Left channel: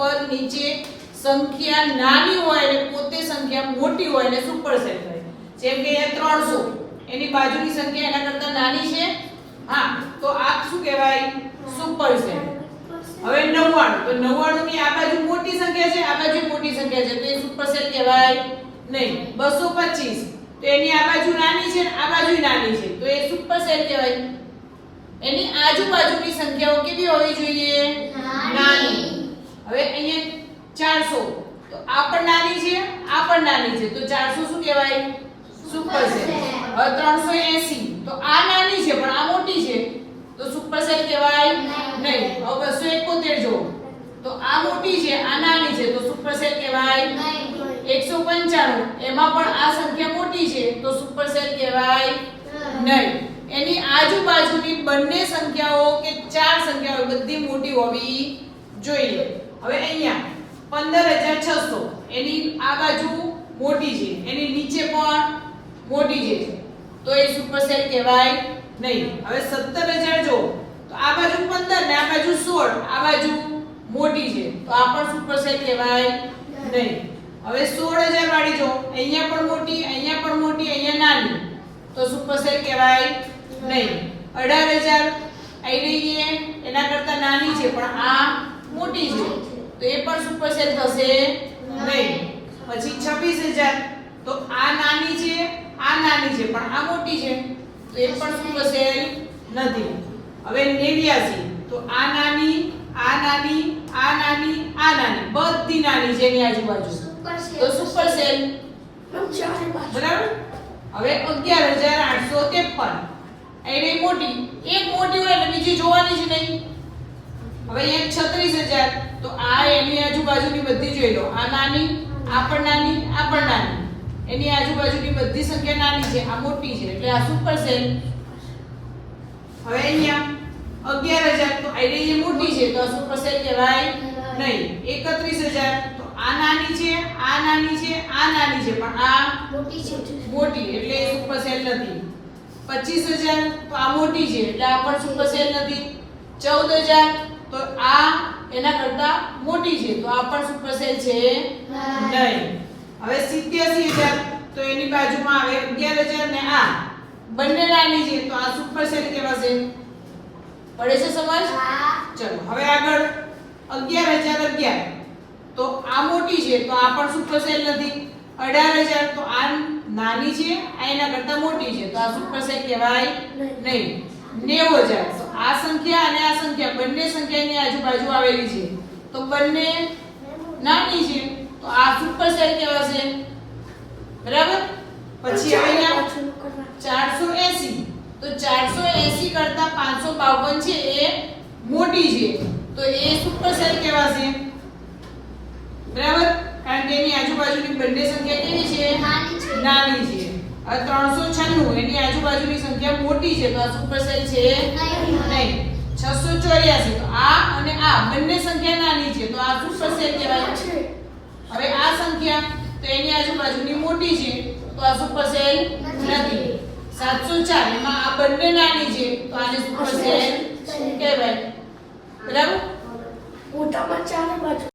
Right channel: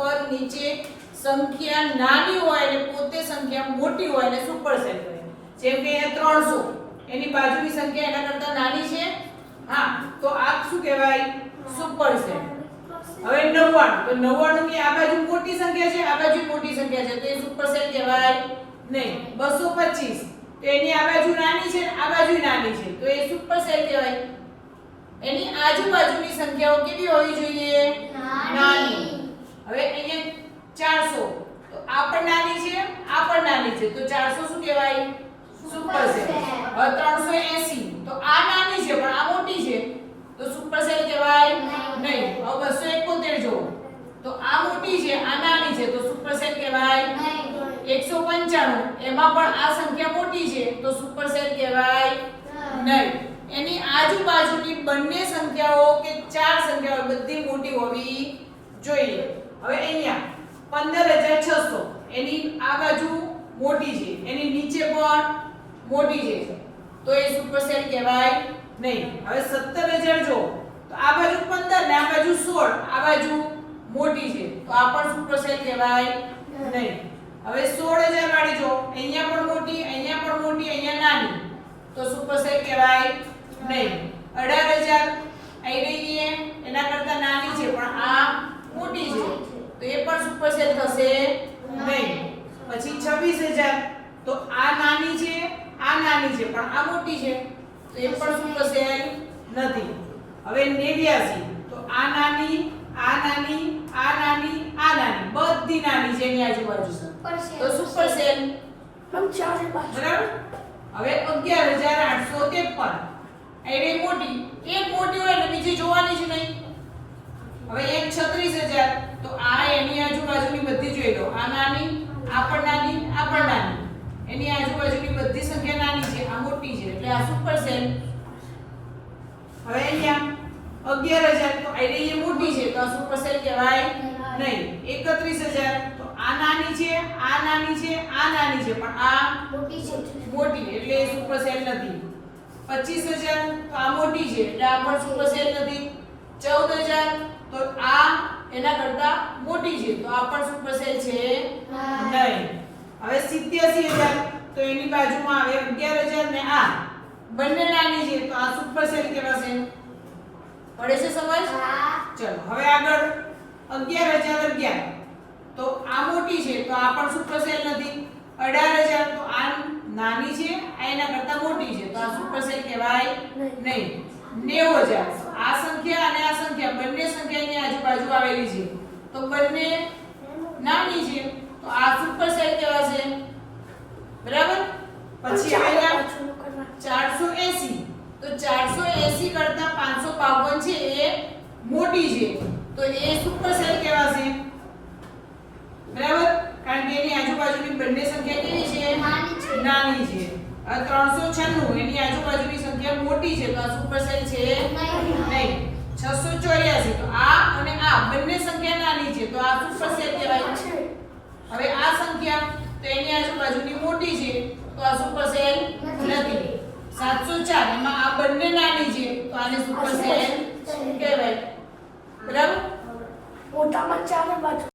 ઉપર નીચે સંખ્યા નાની હોય અને પોતે સંખ્યા મોટી હોય અને સુપરસેટ કરે. જેમ કે અહીંયા 300 એની બાજુની સંખ્યા એના કરતા નાની છે. હા, તો આ શું કહેવાય? સુપરસેટ. હવે 99, તો 99 ની આ બાજુ મોટી સંખ્યા છે, આ બાજુ મોટી સંખ્યા છે, તો એ સુપરસેટ કહેવાય નહીં. 225, તો એની આ બાજુ નાની છે, આ બાજુ નાની છે, તો એ સુપરસેટ કહેવાય. એની આજુબાજુની સંખ્યાઓ કેવી હોવી જોઈએ? નાની. હવે અહીંયા 400, તો આ પણ નાની છે, આ પણ નાની છે, તો 400 શું કહેવાય? સુપરસેટ. હવે 380, તો આ નાની છે પણ આ મોટી છે, તો સુપરસેટ કહેવાય નહીં. હવે 271 જો, તો આ મોટી છે, આ નાની છે, તો સુપરસેટ કહેવાય નહીં. 195, એમાં પણ આ સંખ્યા મોટી છે, તો સુપરસેટ કહેવાય નહીં. એની આજુબાજુની બંને સંખ્યાઓ કે ચાર સંખ્યાઓ બધી મોટી હોવી જોઈએ. હવે અહીંયા 15600, એની આ બાજુ મોટી છે, એની નીચે પણ મોટી છે, તો એ સુપરસેટ કહેવાય નહીં. હવે 17000 જો, તો આ બાજુ 15 ને આ બાજુ 16, આ બાજુ મોટી છે, તો આ પણ સુપરસેટ કહેવાય નહીં. હવે 16000 વાળી જો, અહીંયા પણ મોટી, અહીંયા પણ મોટી, અહીંયા નાની, તો સુપરસેટ કહેવાય નહીં. 18000 આઈ રહી છે, એના કરતા નાની છે પણ આ મોટી છે, તો એ પણ સુપરસેટ થશે નહીં. પછી 26000, તો આ નાની છે, આ નાની છે પણ આ મોટી છે, તો એ પણ સુપરસેટ નથી. હવે 89, તો આ નાની, આ નાની, આ નાની, આ નાની, બધી નાની છે એની આજુબાજુ, તો સુપરસેટ. બરાબર. હવે 11853, એ મોટી, એક મોટી હોય ને બીજી જોવાની જ નહીં. હવે અહીંયા 36000, તો આ એની આજુબાજુની બધી જોઈ લો, આ નાની, આ પણ નાની, આ પણ નાની, એની આજુબાજુની બધી સંખ્યા નાની છે, આ મોટી છે, એટલે આ સુપરસેટ. હવે અહીંયા 11000, તો આ મોટી છે, તો આ સુપરસેટ કહેવાય નહીં. 31000, તો આ નાની છે, આ નાની છે, આ નાની છે, પણ આ મોટી, એટલે એ સુપરસેટ નથી. 25000, તો આ મોટી છે, એટલે આ પણ સુપરસેટ નથી. 14000, તો આ એના કરતા મોટી છે, તો આ પણ સુપરસેટ છે નહીં. હવે 87000, તો એની બાજુમાં આવે 11000 ને આ બંને નાની છે, તો આ સુપરસેટ કહેવાશે. પડે છે સમજ? ચલો હવે આગળ 11011, તો આ મોટી છે, તો આ પણ સુપરસેટ નથી. 18000, તો આ નાની છે, આ એના કરતા મોટી છે, તો આ સુપરસેટ કહેવાય નહીં. 90000, તો આ સંખ્યા અને આ સંખ્યા બંને સંખ્યાની આજુબાજુ આવેલી છે, તો બંને નાની છે, તો આ સુપરસેટ કહેવાશે. બરાબર. પછી અહીંયા 480, તો 480 કરતા 552 છે એ મોટી છે, તો એ સુપરસેટ કહેવાશે. બરાબર. કારણ કે એની આજુબાજુની બંને સંખ્યા કેવી છે? નાની છે. હવે 396, એની આજુબાજુની સંખ્યા મોટી છે, તો આ સુપરસેટ છે નહીં. 684, તો આ અને આ બંને સંખ્યા નાની છે, તો આ સુપરસેટ કહેવાય. હવે આ સંખ્યા, તો એની આજુબાજુની મોટી છે, તો આ સુપરસેટ નથી. 704, એમાં આ બંને નાની છે, તો આને સુપરસેટ કહેવાય. બરાબર. મોટામાં ચાર બાજુ